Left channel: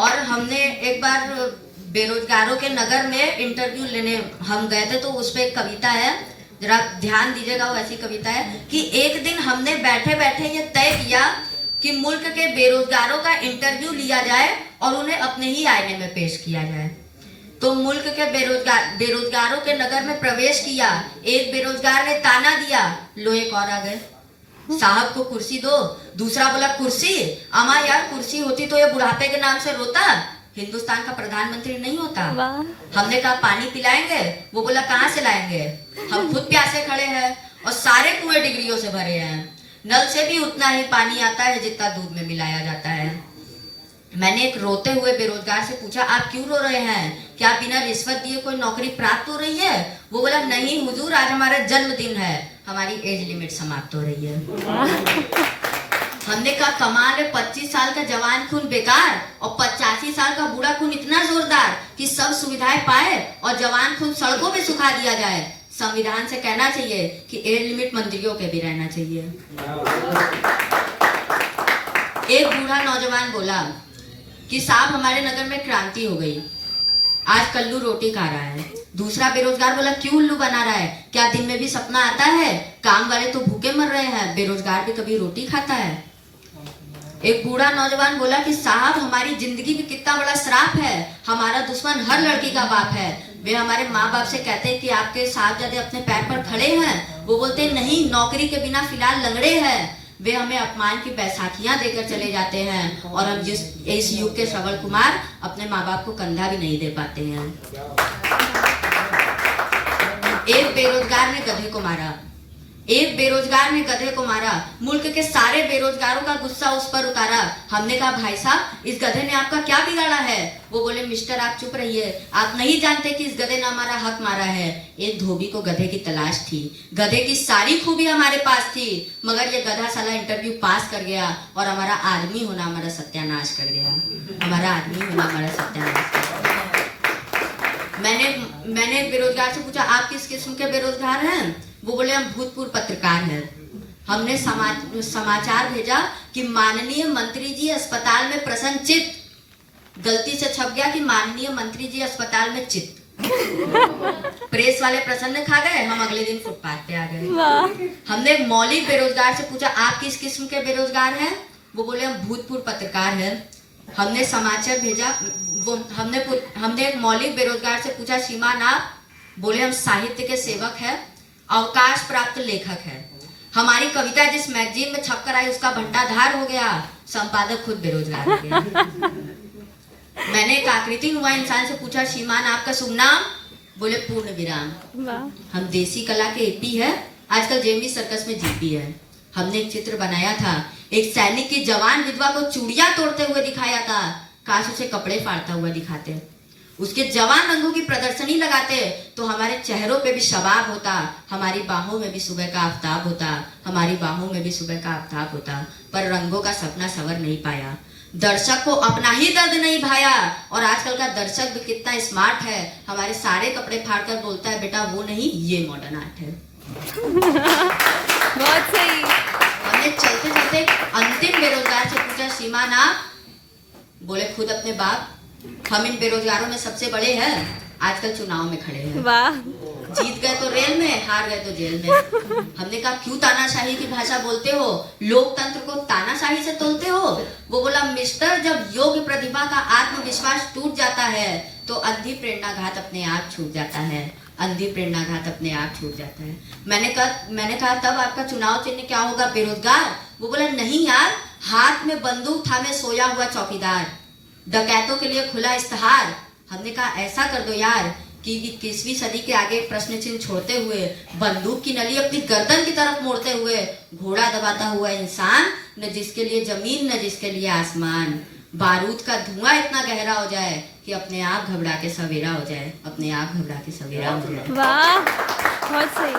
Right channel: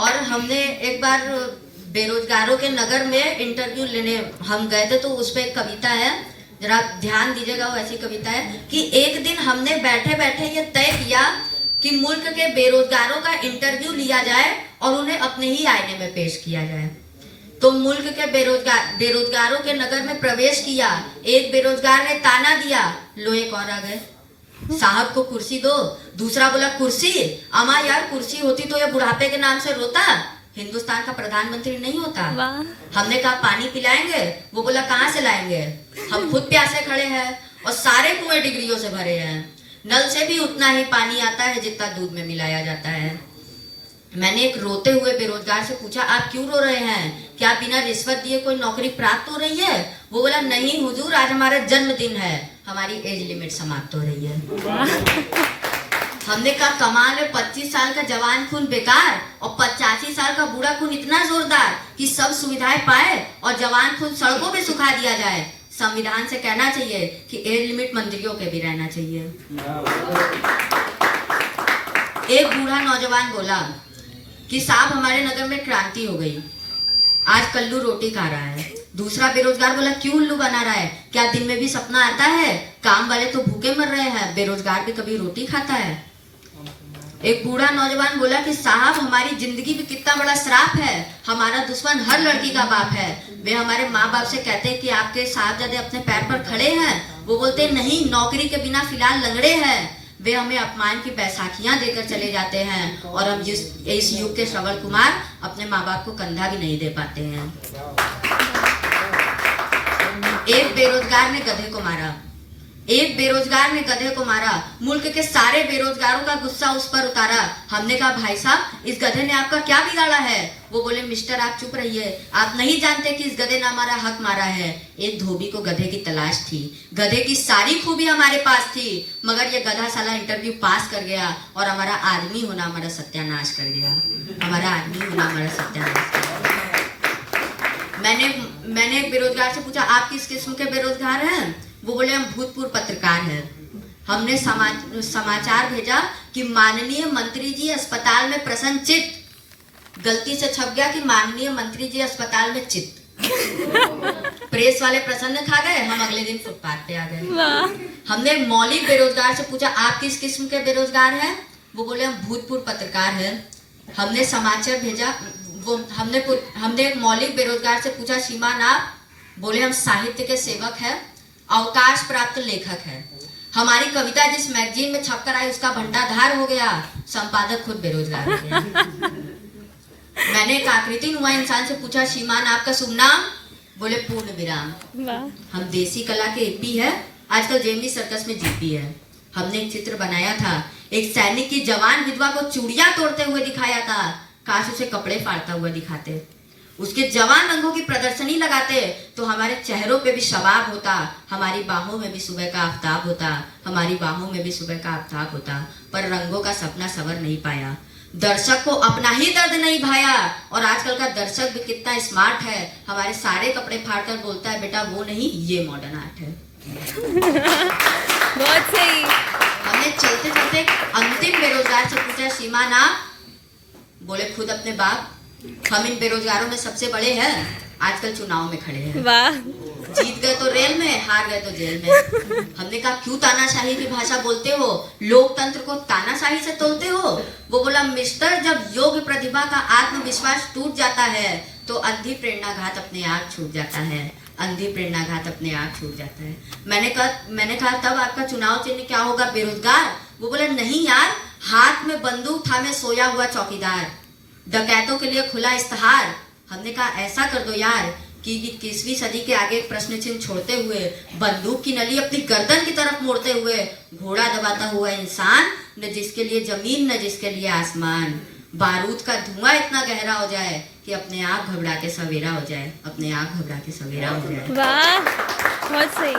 और हमने एक बार बेरोजगारों के नगर में इंटरव्यू लेने हम गए थे, तो उस पे एक कविता है, जरा ध्यान दीजिएगा, वो ऐसी कविता है कि एक दिन हमने बैठे बैठे ये तय किया कि मुल्क के बेरोजगारों का इंटरव्यू लिया जाए और उन्हें अपने ही आईने में पेश किया जाए। तो मुल्क के बेरोजगारों के नगर में प्रवेश किया, एक बेरोजगार ने ताना दिया, लो एक और आ गए, साहब को कुर्सी दो। दूसरा बोला कुर्सी, अमा यार कुर्सी होती तो ये बुढ़ापे के नाम से रोता, हिंदुस्तान का प्रधानमंत्री नहीं होता। हमने कहा पानी पिलाएंगे, वो बोला कहाँ से लाएंगे, हम खुद प्यासे खड़े हैं और सारे कुएं डिग्रियों से भरे हैं, नल से भी उतना ही पानी आता है जितना दूध में मिलाया जाता है। मैंने एक रोते हुए बेरोजगार से पूछा, आप क्यों रो रहे हैं, क्या बिना रिश्वत दिए कोई नौकरी प्राप्त हो रही है? वो बोला नहीं हुजूर, आज हमारा जन्मदिन है, हमारी एज लिमिट समाप्त हो रही है। हमने कहा कमाल है, 25 साल का जवान खून बेकार और 85 साल का बूढ़ा खून इतना जोरदार कि सब सुविधाएं पाए और जवान खून सड़कों पे सुखा दिया जाए। संविधान से कहना चाहिए कि एज लिमिट मंत्रियों के भी रहना चाहिए। एक बूढ़ा नौजवान बोला कि साहब हमारे नगर में क्रांति हो गई, आज कल्लू रोटी खा रहा है। दूसरा बेरोजगार बोला क्यों उल्लू बना रहा है, क्या दिन में भी सपना आता है, काम वाले तो भूखे मर रहे हैं, बेरोजगार भी कभी रोटी खाता है। एक बूढ़ा नौजवान बोला कि साहब हमारी जिंदगी में कितना बड़ा श्राप है, हमारा दुश्मन हर लड़की का बाप है। वे हमारे माँ बाप से कहते हैं कि आपके साहबजादे अपने पैर पर खड़े हैं, वो बोलते हैं नहीं, नौकरी के बिना फिलहाल लंगड़े हैं। वे हमें अपमान की बैसाखियां देकर चले जाते हैं और हम इस युग के श्रवण कुमार अपने माँ बाप को कंधा भी नहीं दे पाते हैं। एक बेरोजगार ने गधे को मारा, एक बेरोजगार ने गधे को मारा, मुल्क के सारे बेरोजगारों का गुस्सा उस पर उतारा। हमने कहा भाई साहब इस गधे ने आपका क्या बिगाड़ा है? वो बोले मिस्टर आप चुप रहिए, आप नहीं जानते कि इस गधे ने हमारा हक मारा है। एक धोबी को गधे की तलाश थी, गधे की सारी खूबी हमारे पास थी, मगर ये गधा साला इंटरव्यू पास कर गया और हमारा आदमी होना हमारा सत्यानाश कर गया, हमारा आदमी होना हमारा सत्यानाश कर गया। मैंने एक बेरोजगार से पूछा आप किस किस्म के बेरोजगार हैं? वो बोले हम भूतपूर्व पत्रकार हैं। हमने समाचार भेजा कि माननीय मंत्री जी अस्पताल में प्रसन्न चित्त, गलती से छप गया कि माननीय मंत्री जी अस्पताल में चित्त। प्रेस वाले प्रसन्न खा गए, हम अगले दिन फुटपाथ पे आ गए। हमने मौलिक बेरोजगार से पूछा आप किस किस्म के बेरोजगार हैं? वो बोले हम भूतपूर्व पत्रकार हैं। हमने समाचार भेजा, हमने एक मौलिक बेरोजगार से पूछा श्रीमान आप? बोले हम साहित्य के सेवक हैं, अवकाश प्राप्त लेखक है, हमारी कविता जिस मैगजीन में छपकर आई उसका भंडाधार हो गया, संपादक खुद बेरोजगार हो गया। मैंने एक आकृति नुमा इंसान से पूछा श्रीमान आपका शुभ नाम? बोले पूर्ण विराम। हम देसी कला के एपी है, आजकल जेमी सर्कस में जीपी है। हमने एक चित्र बनाया था, एक सैनिक की जवान विधवा को चूड़ियां तोड़ते हुए दिखाया था, काश उसे कपड़े फाड़ता हुआ दिखाते, उसके जवान रंगों की प्रदर्शनी लगाते तो हमारे चेहरों पे भी शबाब होता, हमारी बाहों में भी सुबह का आफताब होता, हमारी बाहों में भी सुबह का आफताब होता। पर रंगों का सपना सवर नहीं पाया, दर्शक को अपना ही दर्द नहीं भाया। और आजकल का दर्शक भी कितना स्मार्ट है, हमारे सारे कपड़े फाड़कर बोलता है बेटा वो नहीं ये मॉडर्न आर्ट है। बहुत सही। हमने चलते चलते अंतिम बेरोजगार से पूछा श्रीमान आप? बोले खुद अपने बाप, हम इन बेरोजगारों में सबसे बड़े हैं, आजकल चुनाव में खड़े हैं। वाह। जीत गए तो रेल में, हार गए तो जेल में। हमने कहा क्यों तानाशाही की भाषा बोलते हो, लोकतंत्र को तानाशाही से तोलते हो? वो बोला मिस्टर जब योग्य प्रतिभा का आत्मविश्वास टूट जाता है तो अंधी प्रेरणाघात अपने आप छूट जाता है, अंधी प्रेरणाघात अपने आप छूट जाता है। मैंने कहा तब आपका चुनाव चिन्ह क्या होगा बेरोजगार? वो बोला नहीं यार, हाथ में बंदूक थामे सोया हुआ चौकीदार, डकैतों के लिए खुला इस्तेहार। हमने कहा ऐसा कर दो यार कि 21वीं सदी के आगे एक प्रश्न चिन्ह छोड़ते हुए, बंदूक की नली अपनी गर्दन की तरफ मोड़ते हुए, घोड़ा दबाता हुआ इंसान, न जिसके लिए जमीन न जिसके लिए आसमान, बारूद का धुआं इतना गहरा हो जाए कि अपने आप घबरा के सवेरा हो जाए, अपने आप घबरा के सवेरा हो जाए। वाह बहुत सही।